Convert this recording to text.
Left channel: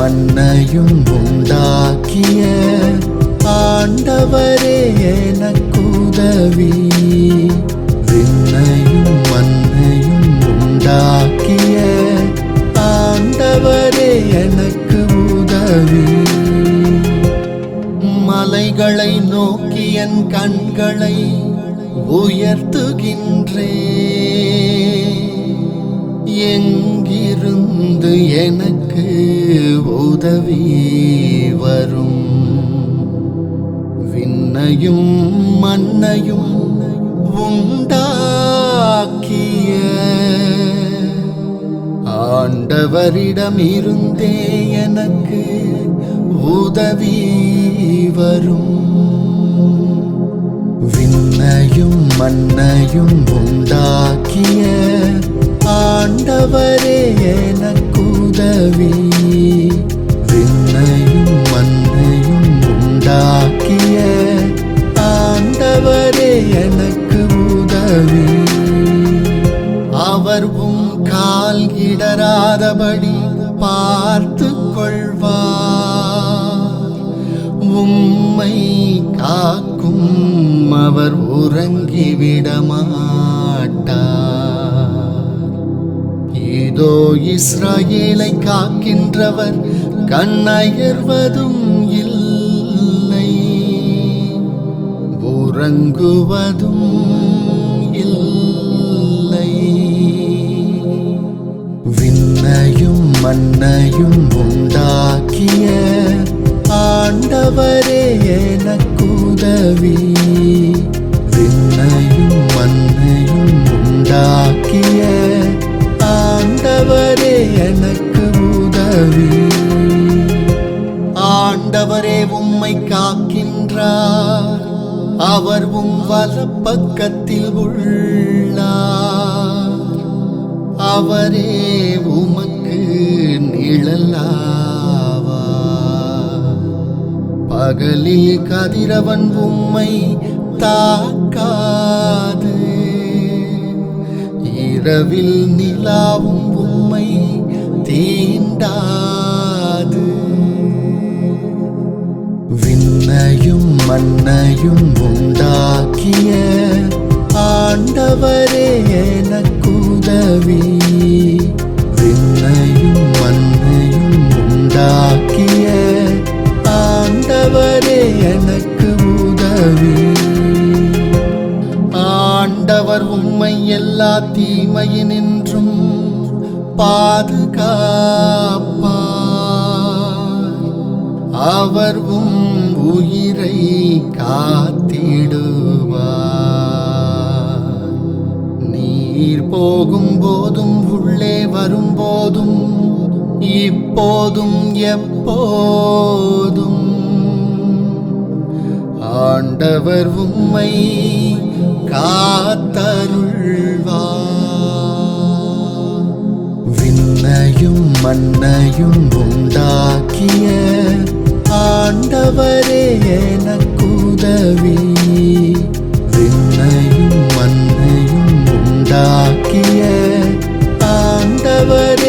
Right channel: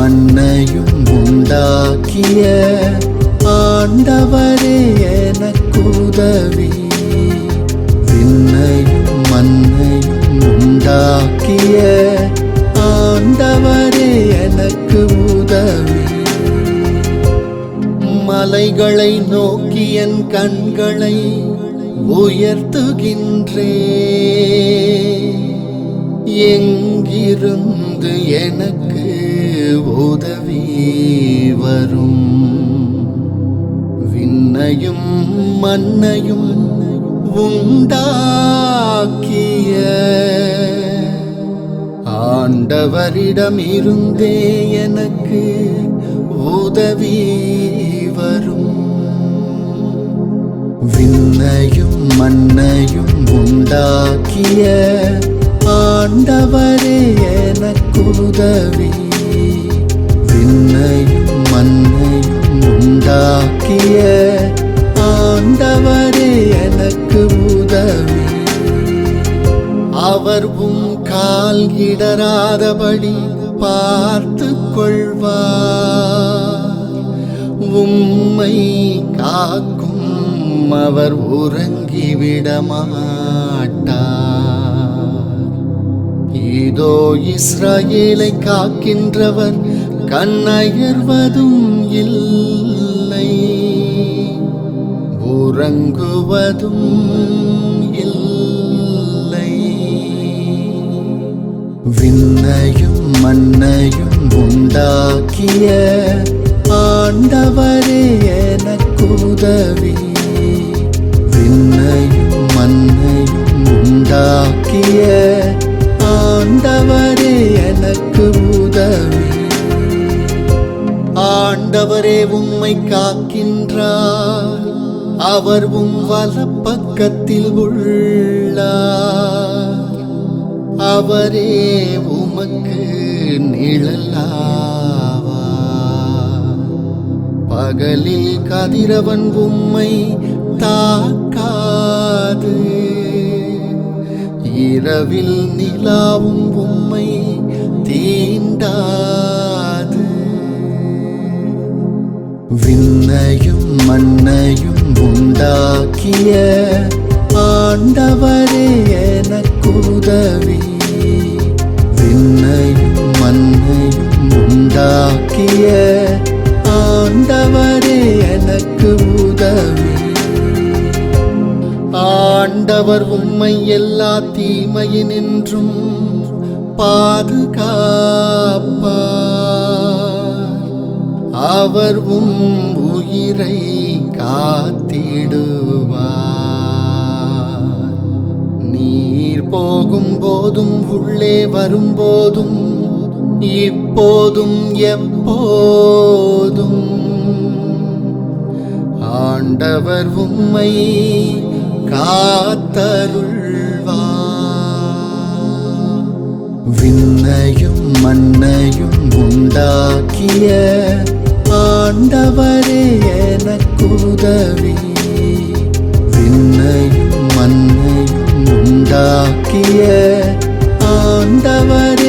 மண்ணையும் உண்டாக்கிய ஆண்டவரே எனக்குதவி. விண்ணையும் மண்ணையும் உண்டாக்கிய ஆண்டவரே எனக்கு உதவி. மலைகளை நோக்கி என் கண்களை உயர்த்துகின்றே. எங்கிருந்து எனக்கு உதவி வரும்? விண்ணையும் மண்ணையும் உண்டாக்கிய ஆண்டவரிடமிருந்தே எனக்கு உதவி வரும். விண்ணையும் மண்ணையும் உண்டாக்கிய ஆண்டவரே எனக்குதவி. விண்ணையும் மண்ணையும் உண்டாக்கிய ஆண்டவரே எனக்கு உதவி. அவர் உம் கால் இடராதபடி பார்த்து கொள்வார். உம்மை காக்கும் அவர் உறங்கிவிடமாட்டார். இதோ இஸ்ரேலை காக்கின்றவர் கண்ணயர்வதும் இல்லை. உறங்குவதும் இல்லை. விண்ணையும் மண்ணையும் உண்டாக்கிய ஆண்டவரே எனக்குதவி விண்ணையும் மண்ணையும் உண்டாக்கிய ஆண்டவரே எனக்கு உதவி. ஆண்டவரே உம்மை காக்கின்றார். அவர் உம் வலப்பக்கத்தில் உள்ளார். அவரே உமக்கு நிழலாவார் பகலில் கதிரவன் உம்மை தாக்காது. இரவில் நிலாவும் உம்மை தீண்டாது. விண்ணையும் மண்ணையும் உண்டாக்கிய ஆண்டவரே எனக்குதவி விண்ணையும் மண்ணையும் உண்டாக்கிய ஆண்டவரே எனக்கு உதவி. ஆண்டவர் உம்மை எல்லா தீமையினின்றும் பாதுகாப்பார். அவர் உம் உயிரை காத்திடுவார். நீர் போகும் போதும் உள்ளே வரும்போதும் இப்போதும் எப்போதும். ஆண்டவர் உம்மை காத்தருள்வார். விண்ணையும் மண்ணையும் உண்டாக்கிய ஆண்டவரே எனக்குதவி விண்ணையும் மண்ணையும் உண்டாக்கிய ஆண்டவரே